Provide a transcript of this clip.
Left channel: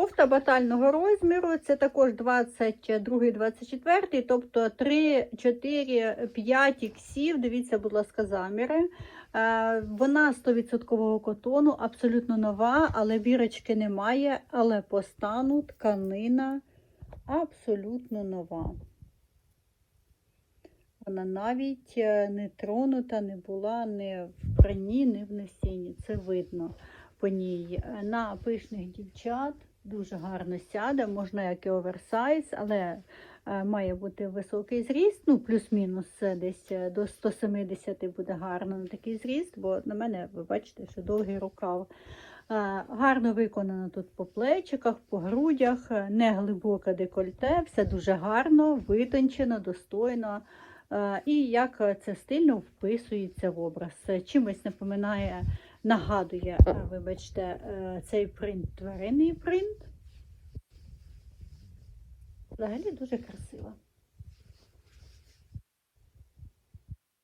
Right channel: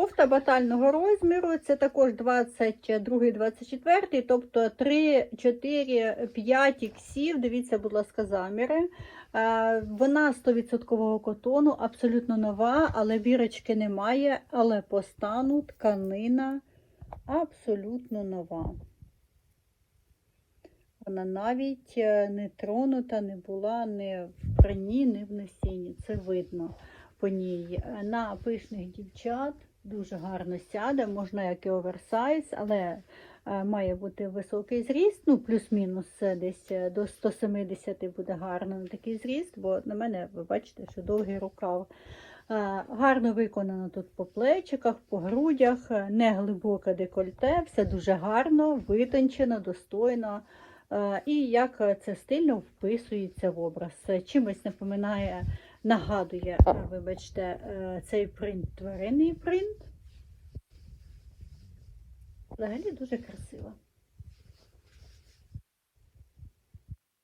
Кофта батального розміру, це також 22-24, тобто 3, 4, 5 іксів. Дивіться, будь ласка, заміри. Е, Вона 100% котону, абсолютно нова, але бірочки немає. Але по стану тканина абсолютно нова. Вона навіть е, не тронута, не була ні в прані, ні в носінні. Це видно по ній. Е, На пишних дівчат дуже гарно сяде, можна як і оверсайз, але е, має бути високий зріст, ну плюс-мінус десь е, до 170 буде гарно на такий зріст, бо на мене ви бачите, що довгий рукав. Гарно виконано тут по плечиках, по грудях, не глибоке декольте, все дуже гарно, витончено, достойно. І як це стильно вписується в образ. Чимось напоминає, нагадує, е, вибачте, е, цей принт, тваринний принт. Взагалі дуже красиво.